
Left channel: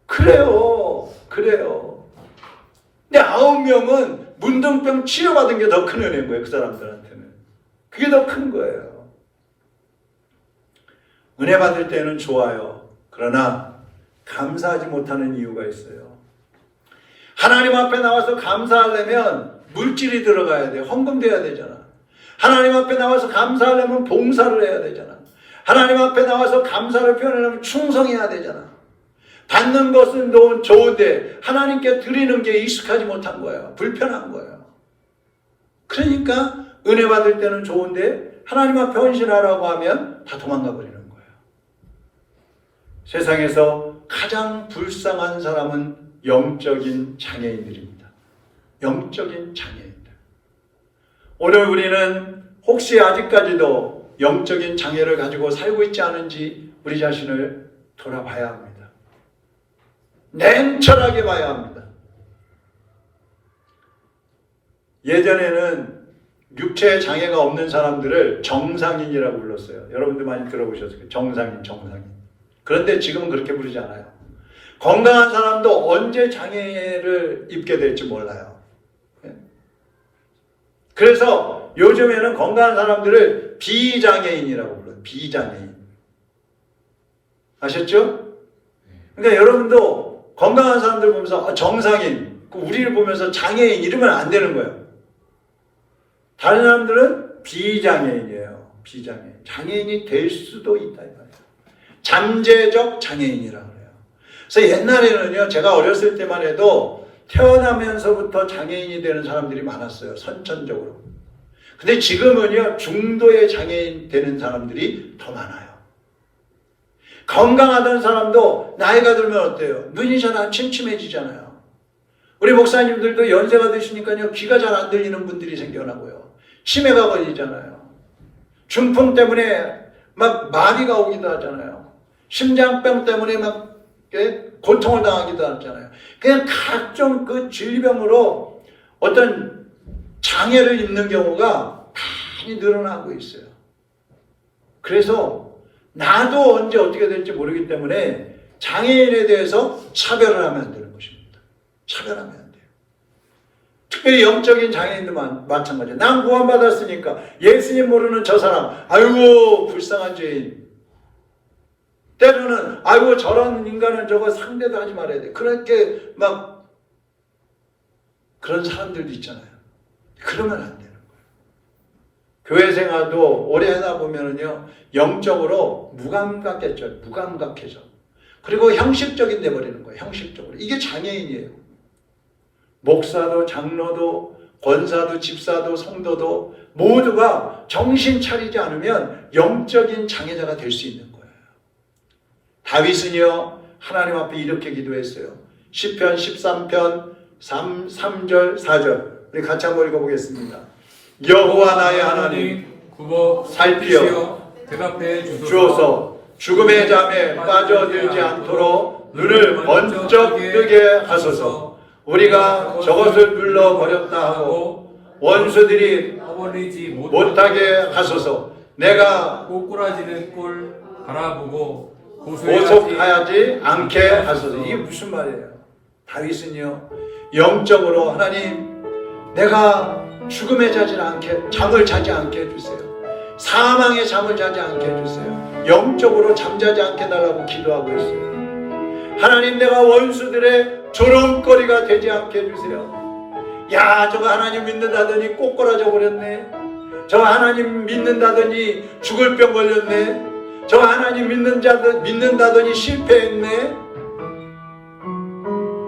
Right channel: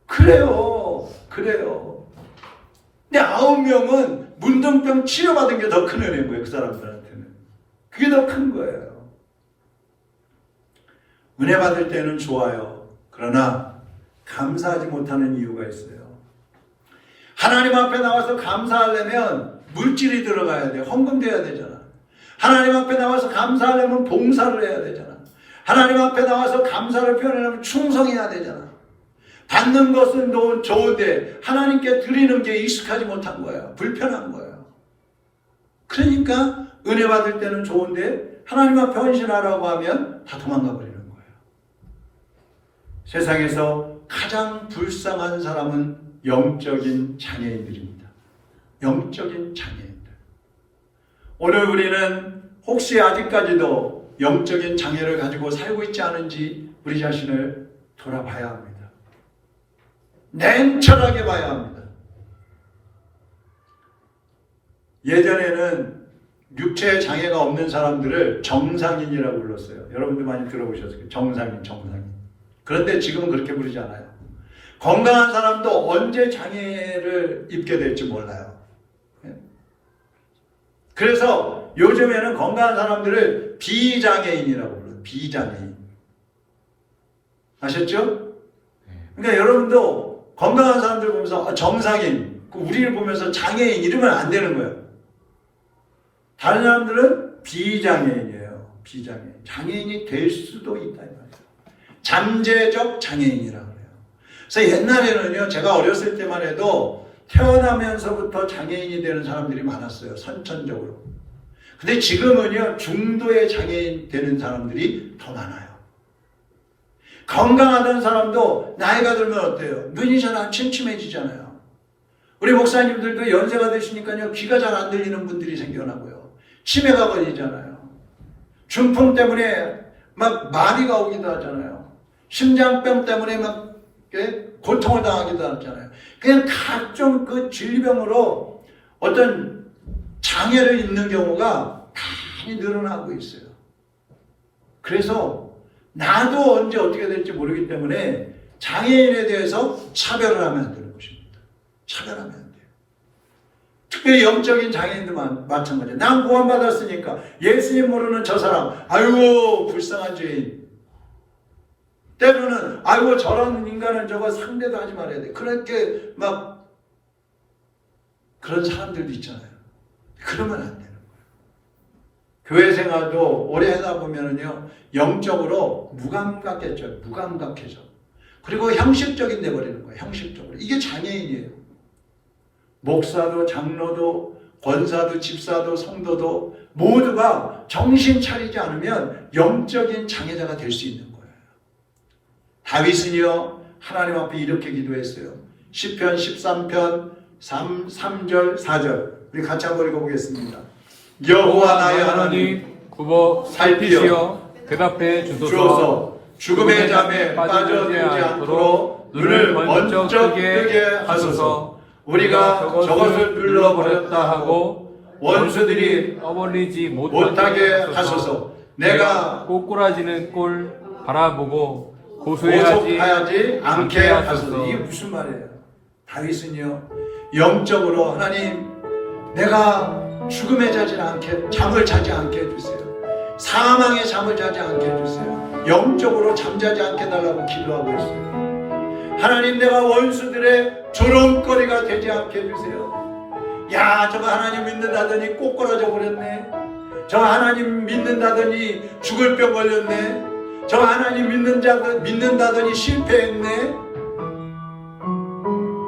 그래요. 근데 9명은 문둥병 치료받은 게 더 큰 은혜인 거예요. 그 사람들한테는. 그게 더 큰 거예요. 은혜 받을 때는 좋아요. 그러나 감사하지 못하는 이유가 있어요. 하나님 앞에 나와서 감사하려면 물질이 들어가야 돼요. 헌금돼야 되잖아. 하나님 앞에 나와서 감사하려면 봉사를 해야 되잖아. 하나님 앞에 나와서 감사를 표현하려면 충성해야 되잖아. 받는 것은 좋은데 하나님께 드리는 게 익숙하지 못한 거예요. 불편한 거예요. 그러니까 은혜 받을 때는 좋은데 하나님 앞에 헌신하라고 하면 다 도망가 버리는 거예요. 세상에서 가장 불쌍한 사람은 영적인 장애인들입니다. 영적인 장애인들. 오늘 우리는 혹시 아직까지도 영적인 장애를 가지고 살고 있지 않은지 우리 자신을 돌아봐야 합니다. 냉철하게 봐야 합니다. 예전에는 육체 장애가 없는 사람들을 정상인이라고 불렀어요. 여러분들 많이 들어보셨을 거예요. 정상인. 그런데 지금은 그렇게 부르지 않아요. 건강한 사람도 언제 장애를 입게 될지 몰라요. 그래서 요즘에는 건강한 사람들을 비장애인이라고 불러요. 비장애인. 아셨죠? 그러니까 여러분도 건강한 사람들 보면서 정상인, 우리를 보면서 장애인 이러면 안 되는 거예요. 다른 사람들은 비장애인이에요. 비장애인. 장애인이 될 수도 있다. 잠재적 장애인이라고 해요. 그래서 옛날에는요, 제가 어렸을 때만 해도 태어나면서부터 장애인이 되는 사람들이 많았어요. 선천적으로. 근데 지금은요, 중도의 장애인 되는 사람들이 더 많아요. 건강하던 사람도 나이가 들면 어때요? 눈이 잘 안 침침해지잖아요. 우리 목사님들도 연세가 되시니까요, 귀가 잘 안 들리는 분들이 생겨나고요. 치매가 걸리잖아요. 중풍 때문에 막 마비가 오기도 하잖아요. 심장병 때문에 막 고통을 당하기도 하잖아요. 그냥 각종 그 질병으로 어떤 장애를 입는 경우가 많이 늘어나고 있어요. 그래서 나도 언제 어떻게 될지 모르기 때문에 장애인에 대해서 차별을 하면 안 되는 것입니다. 차별하면 안 돼요. 특별히 영적인 장애인도 마찬가지예요. 난 구원받았으니까 예수님 모르는 저 사람, 아이고 불쌍한 죄인. 때로는 아이고 저런 인간은 저거 상대도 하지 말아야 돼. 그렇게 막 그런 사람들도 있잖아요. 그러면 안 되는 거예요. 교회 생활도 오래 하다 보면은요, 영적으로 무감각해져요. 무감각해져. 그리고 형식적인 돼 버리는 거예요. 형식적으로. 이게 장애인이에요. 목사도 장로도 권사도 집사도 성도도 모두가 정신 차리지 않으면 영적인 장애자가 될 수 있는 거예요. 다윗은요 하나님 앞에 이렇게 기도했어요. 시편 13편 3절 4절 우리 같이 한번 읽어보겠습니다. 여호와 나의 하나님 굽어 살피시어 대답해 주소서. 죽음의 잠에 빠져들지 않도록 눈을 먼저 뜨게 하소서. 우리가 저것을 눌러버렸다 하고 원수들이 떠벌리지 못하게 하소서. 내가 꼬꾸라지는 꼴 바라보고 고소하지 않게 하소서. 이게 무슨 말이에요? 다윗은요 영적으로 하나님 내가 죽음에 잠을 자지 않게 해주세요. 사망의 잠을 자지 않게 해주세요. 영적으로 잠자지 않게 달라고 기도하고 있어요. 하나님 내가 원수들의 조롱거리가 되지 않게 해주세요. 야 저거 하나님 믿는다더니 꼬꾸라져 버렸네. 저거 하나님 믿는다더니 죽을 병 걸렸네. 저거 하나님 믿는다더니 실패했네.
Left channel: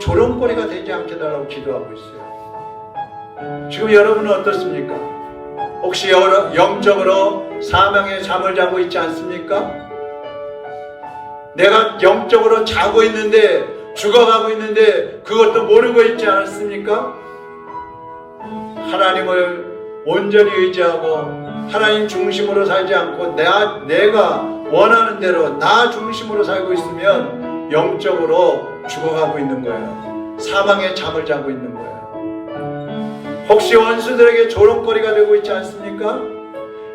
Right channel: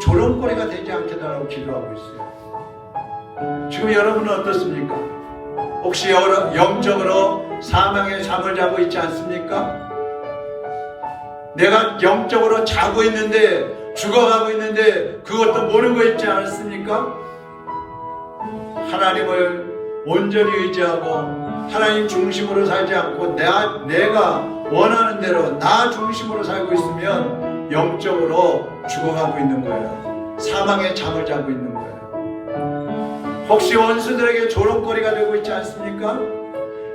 조롱거리가 되지 않게 달라고 기도하고 있어요. 지금 여러분은 어떻습니까? 혹시 영적으로 사망의 잠을 자고 있지 않습니까? 내가 영적으로 자고 있는데 죽어가고 있는데 그것도 모르고 있지 않습니까? 하나님을 온전히 의지하고 하나님 중심으로 살지 않고 내가 원하는 대로 나 중심으로 살고 있으면 영적으로 죽어가고 있는 거예요. 사망의 잠을 자고 있는 거예요. 혹시 원수들에게 조롱거리가 되고 있지 않습니까?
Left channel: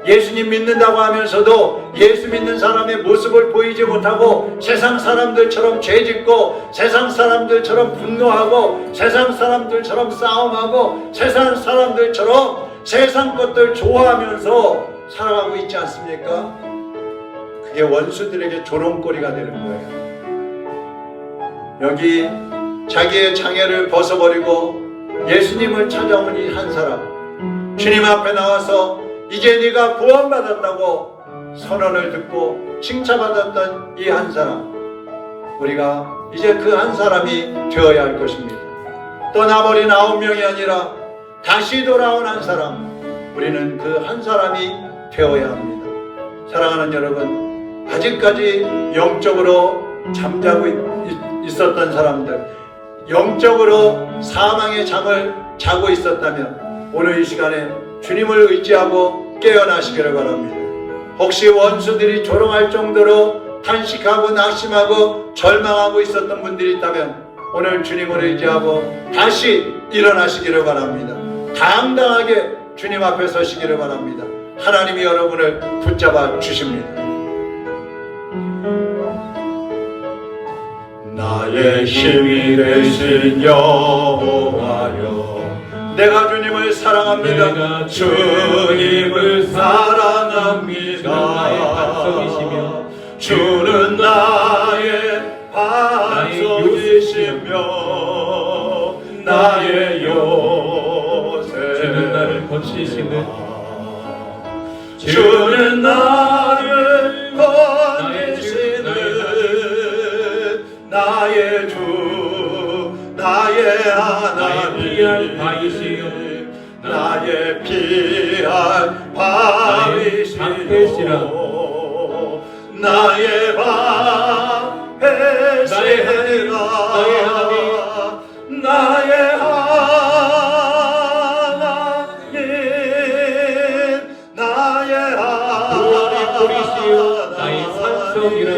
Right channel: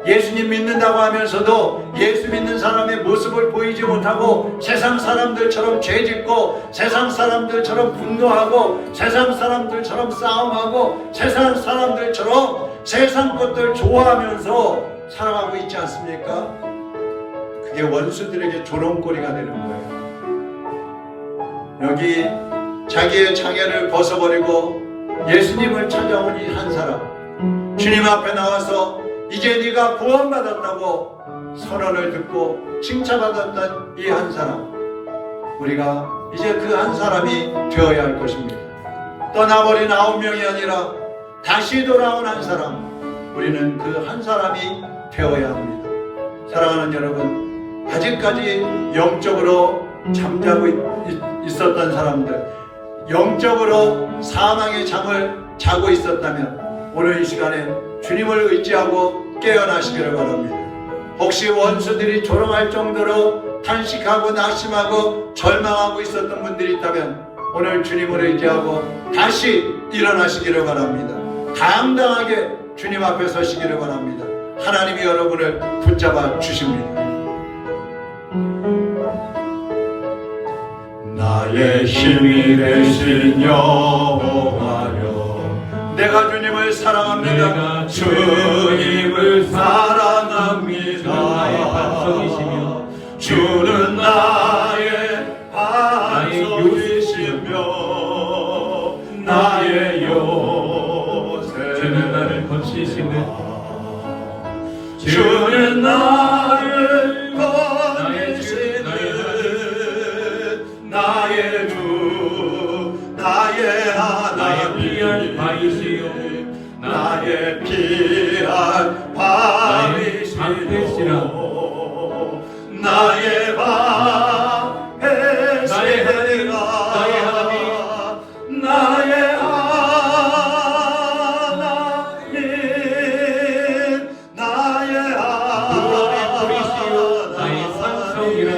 예수님 믿는다고 하면서도 예수 믿는 사람의 모습을 보이지 못하고 세상 사람들처럼 죄짓고 세상 사람들처럼 분노하고 세상 사람들처럼 싸움하고 세상 사람들처럼 세상 것들 좋아하면서 살아가고 있지 않습니까? 그게 원수들에게 조롱거리가 되는 거예요. 여기 자기의 장애를 벗어버리고 예수님을 찾아온 이 한 사람, 주님 앞에 나와서 이제 네가 구원받았다고 선언을 듣고 칭찬받았던 이 한 사람, 우리가 이제 그 한 사람이 되어야 할 것입니다. 떠나버린 9명이 아니라 다시 돌아온 한 사람, 우리는 그 한 사람이 되어야 합니다. 사랑하는 여러분, 아직까지 영적으로 잠자고 있었던 사람들, 영적으로 사망의 잠을 자고 있었다면 오늘 이 시간에 주님을 의지하고 깨어나시기를 바랍니다. 혹시 원수들이 조롱할 정도로 탄식하고 낙심하고 절망하고 있었던 분들이 있다면 오늘 주님을 의지하고 다시 일어나시기를 바랍니다. 당당하게 주님 앞에 서시기를 바랍니다. 하나님이 여러분을 붙잡아 주십니다. 나의 힘이 되신 여호와여, 내가 주님을 사랑합니다. 내가 주님을 사랑합니다. 나의 반석이시며 주는 나의 반석이시며 나의 요새, 주는 나를 건지시는 주는 나를 건지시는 나의 주, 나의 하나님, 귀한 바이시요 나의 귀한 바이시요 나의 방패시라 나의 하나님 나의 하나님 나의 산성이라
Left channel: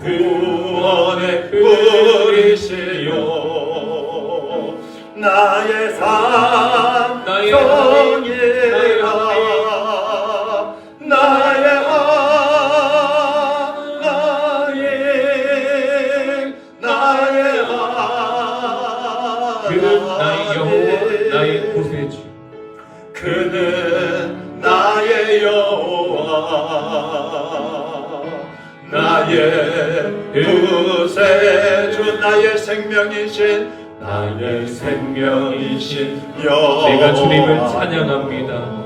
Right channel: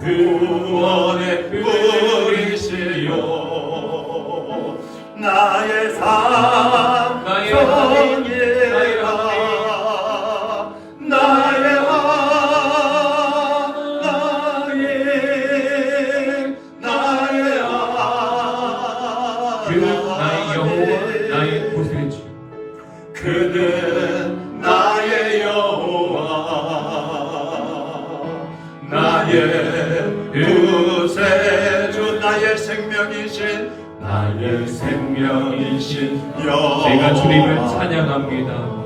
구원의 뿌리시요 나의 산성이라 나의 하나님 나의 그는 나의 여호와 나의 구세주 그는 나의 여호와 나의 구세주 나의 생명이신 여호와 내가 주님을 찬양합니다.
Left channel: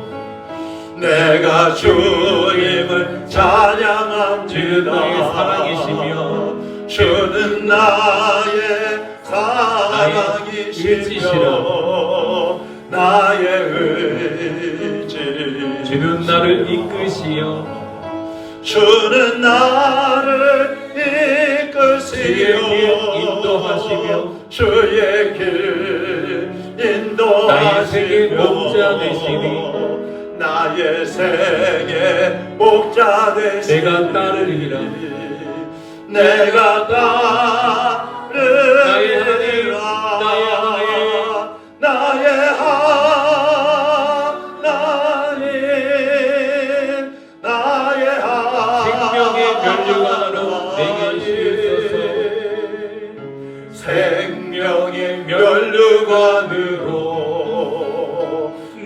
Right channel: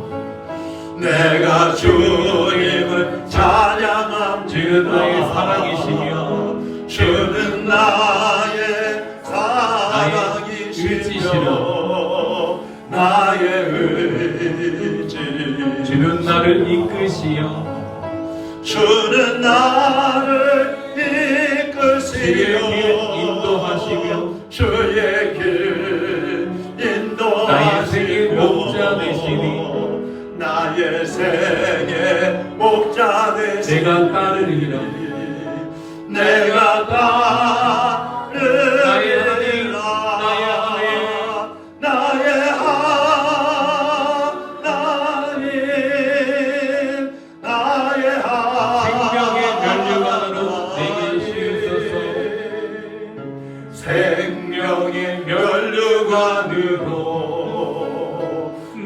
내가 주님을 찬양함지다. 나의 사랑이시며 주는 나의 사랑이시며 나의 의지. 주는 나를 이끄시어 주는 나를 이끄시어 인도하시며 주의 길 인도하시며 나의 생의 목자 되시니 나의 생의 목자 되시니 내가 따르리라. 내가 따르리라. 나의 하나님, 나의 하나님, 나의 생명의 면류관으로 내게 실으소서. 생명의 면류관으로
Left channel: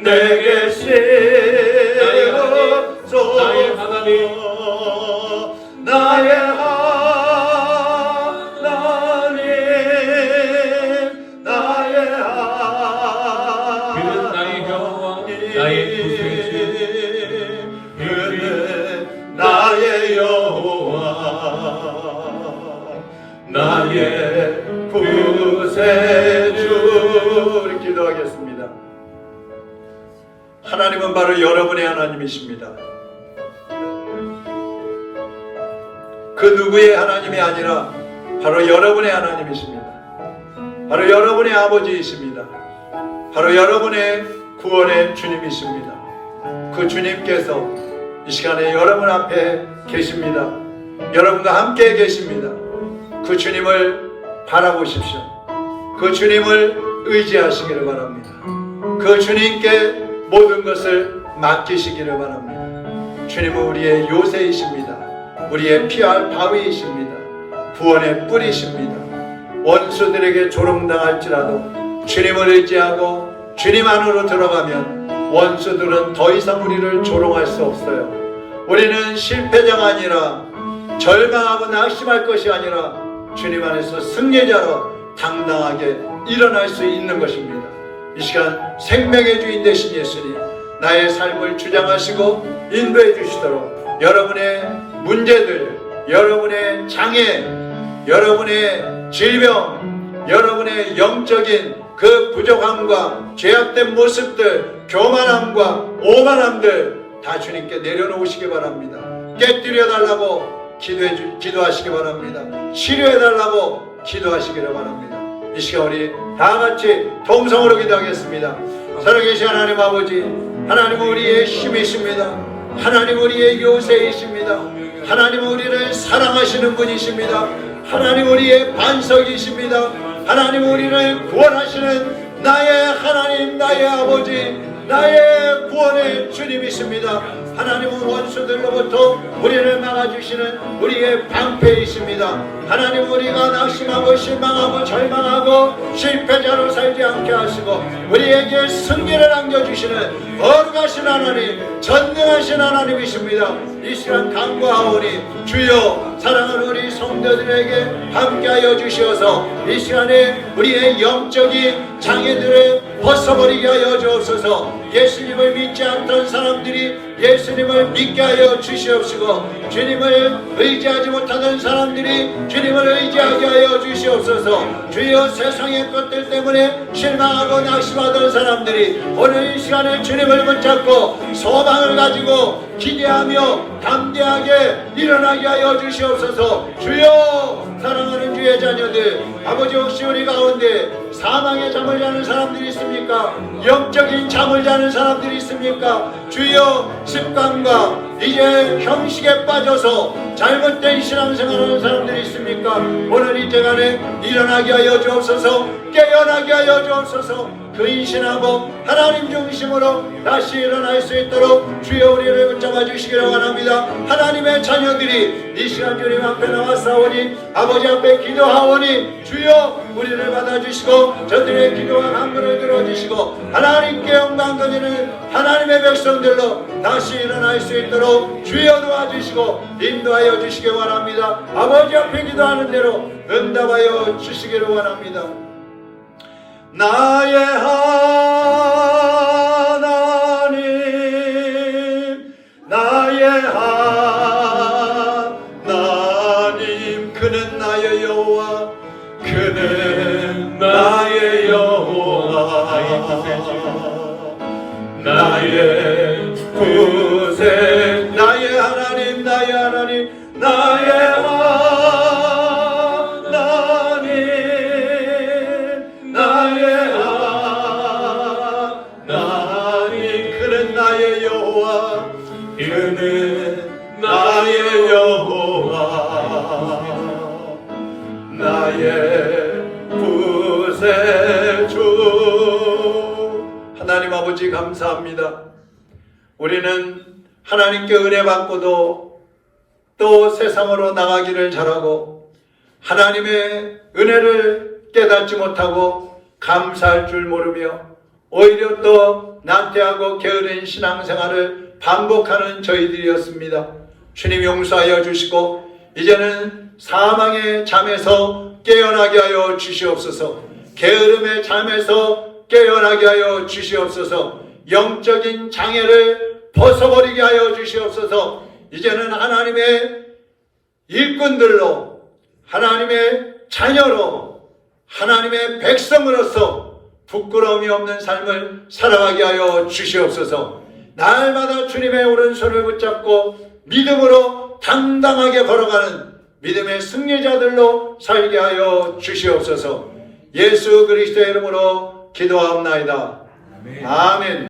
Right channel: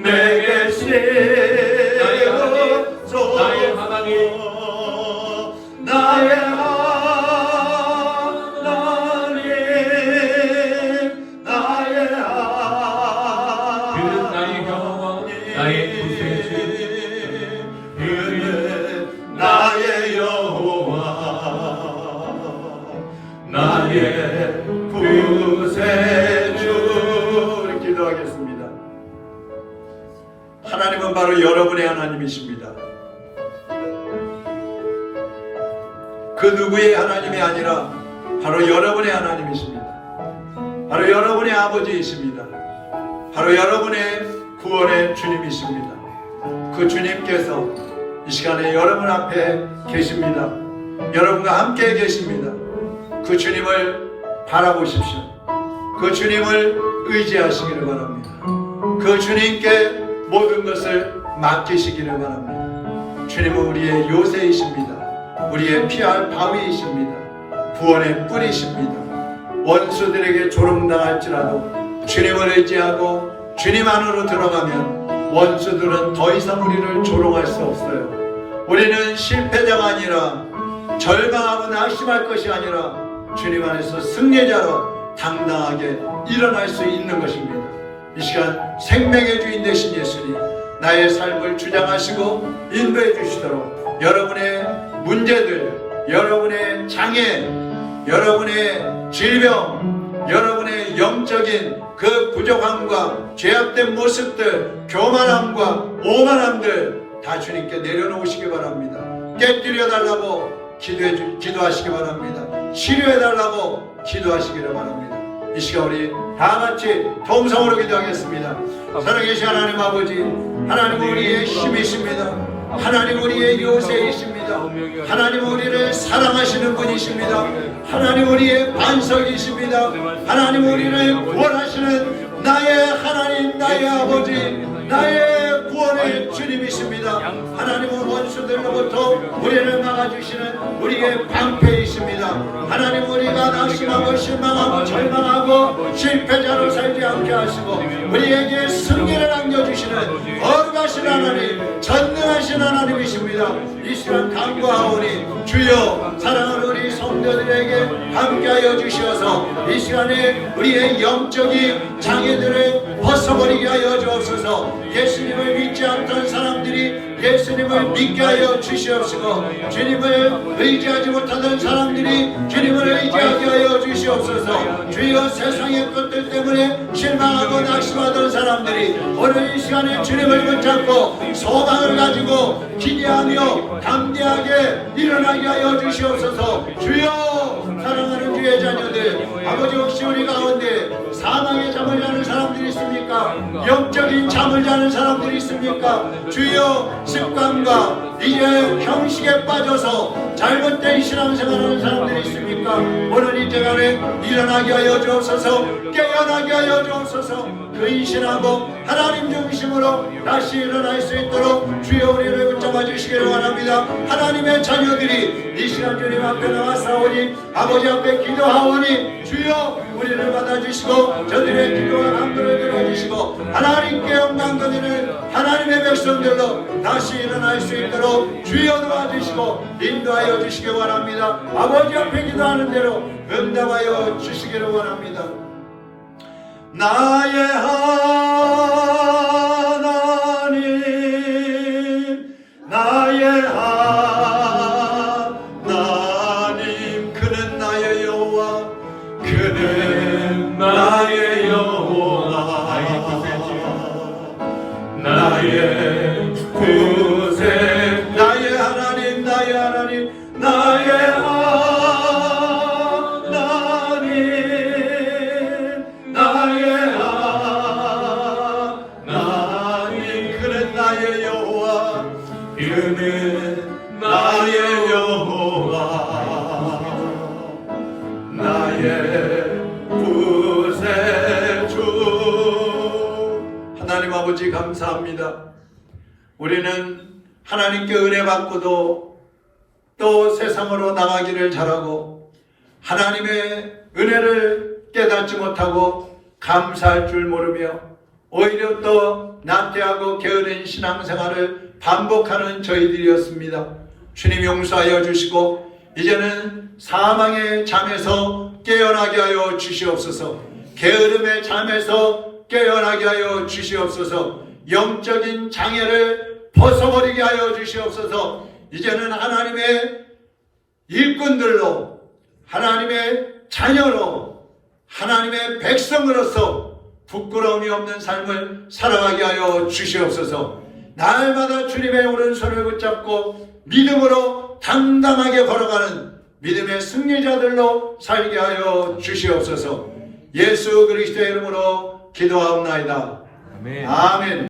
내게 실으소서. 나의 하나님, 나의 하나님, 나의 하나님. 그는 나의 형과 나의 구세주, 그는 나의 여호와, 나의 구세주. 기도하겠습니다. 하나님은 바로 여러분의 하나님이십니다. 그 누구의 하나님이 아니라 바로 여러분의 하나님이십니다. 바로 여러분의 아버지이십니다. 바로 여러분의 구원의 주님이십니다. 그 주님께서 이 시간에 여러분 앞에 계십니다. 여러분과 함께 계십니다. 그 주님을 바라보십시오. 그 주님을 의지하시기를 바랍니다. 그 주님께 모든 것을 맡기시기를 바랍니다. 주님은 우리의 요새이십니다. 우리의 피할 바위이십니다. 구원의 뿌리십니다. 원수들에게 조롱당할지라도 주님을 의지하고 주님 안으로 들어가면 원수들은 더 이상 우리를 조롱할 수 없어요. 우리는 실패자가 아니라 절망하고 낙심할 것이 아니라 주님 안에서 승리자로 당당하게 일어날 수 있는 것입니다. 이 시간 생명의 주인 되신 예수님, 나의 삶을 주장하시고 인도해 주시도록 여러분의 문제들, 여러분의 장애, 여러분의 질병, 여러분의 영적인 그 부족함과 죄악된 모습들, 교만함과 오만함들 다 주님께 내려놓으시기 바랍니다. 깨뜨려 달라고 기도하시기 바랍니다. 치료해 달라고 기도하시기를 바랍니다. 이 시간 우리 다 같이 통성으로 기도하겠습니다. 살아계신 하나님 아버지, 하나님은 우리의 힘이십니다. 하나님 우리의 요새이십니다. 하나님 우리를 사랑하시는 분이십니다. 하나님 우리의 반석이십니다. 하나님 우리를 구원하시는 나의 하나님, 나의 아버지, 나의 구원의 주님이십니다. 하나님은 원수들로부터 우리를 막아주시는 우리의 방패이십니다. 하나님 우리가 낙심하고 실망하고 절망하고 실패자로 살지 않게 하시고 우리에게 승리를 안겨주시는 거룩하신 하나님, 전능하신 하나님이십니다. 이 시간 간구하오니 주여 사랑하는 우리 성도들에게 함께하여 주시어서 이 시간에 우리의 영적인 장애들을 벗어버리게 하여 주옵소서. 예수님을 믿지 않던 사람들이 예수님을 믿게 하여 주시옵시고 주님을 의지하지 못하던 사람들이 주님을 의지하게 하여 주시옵소서. 주여 세상의 것들 때문에 실망하고 낙심하던 사람들이 오늘 이 시간에 주님을 붙잡고 소망을 가지고 기대하며 담대하게 일어나게 하여 주시옵소서. 주여 사랑하는 주의 자녀들, 아버지 혹시 우리 가운데 사망의 잠을 자는 사람들이 있습니까? 영적인 잠을 자는 사람들이 있습니까? 주여 습관과 이제 형식에 빠져서 잘못된 신앙생활하는 사람들이 있습니까? 오늘 이 시간에 일어나게 하여 주옵소서. 깨어나게 하여 주옵소서. 근신하고 하나님 중심으로 다시 일어날 수 있도록 주여 우리를 붙잡아 주시기를 원합니다. 하나님의 자녀들이 이 시간 주님 앞에 나와싸우니 아버지 앞에 기도하오니 주여 우리를 받아주시고 저들의 기도와 간구를 들어주시고 하나님께 영광 드리는 하나님의 백성들로 다시 일어날 수 있도록 주여 도와주시고 인도하여 주시기 원합니다. 아버지 앞에 기도하는 대로 응답하여 주시기를 원합니다. 나의 하나님, 그는 나의 여호와 그는 나의 여호와 나의 구세 나의 하나님 나의 하나님 나의 하나님 나의 하나님 그는 나의 여호와 그는 나의 여호와 나의 구세주 하나님 아버지 감사합니다. 우리는 하나님께 은혜 받고도 또 세상으로 나가기를 잘하고 하나님의 은혜를 깨닫지 못하고 감사할 줄 모르며 오히려 또 나태하고 게으른 신앙생활을 반복하는 저희들이었습니다. 주님 용서하여 주시고 이제는 사망의 잠에서 깨어나게 하여 주시옵소서. 게으름의 잠에서 깨어나게 하여 주시옵소서. 영적인 장애를 벗어버리게 하여 주시옵소서. 이제는 하나님의 일꾼들로 하나님의 자녀로 하나님의 백성으로서 부끄러움이 없는 삶을 살아가게 하여 주시옵소서. 날마다 주님의 오른손을 붙잡고 믿음으로 당당하게 걸어가는 믿음의 승리자들로 살게 하여 주시옵소서. 예수 그리스도의 이름으로 기도하옵나이다. 아멘. 아멘.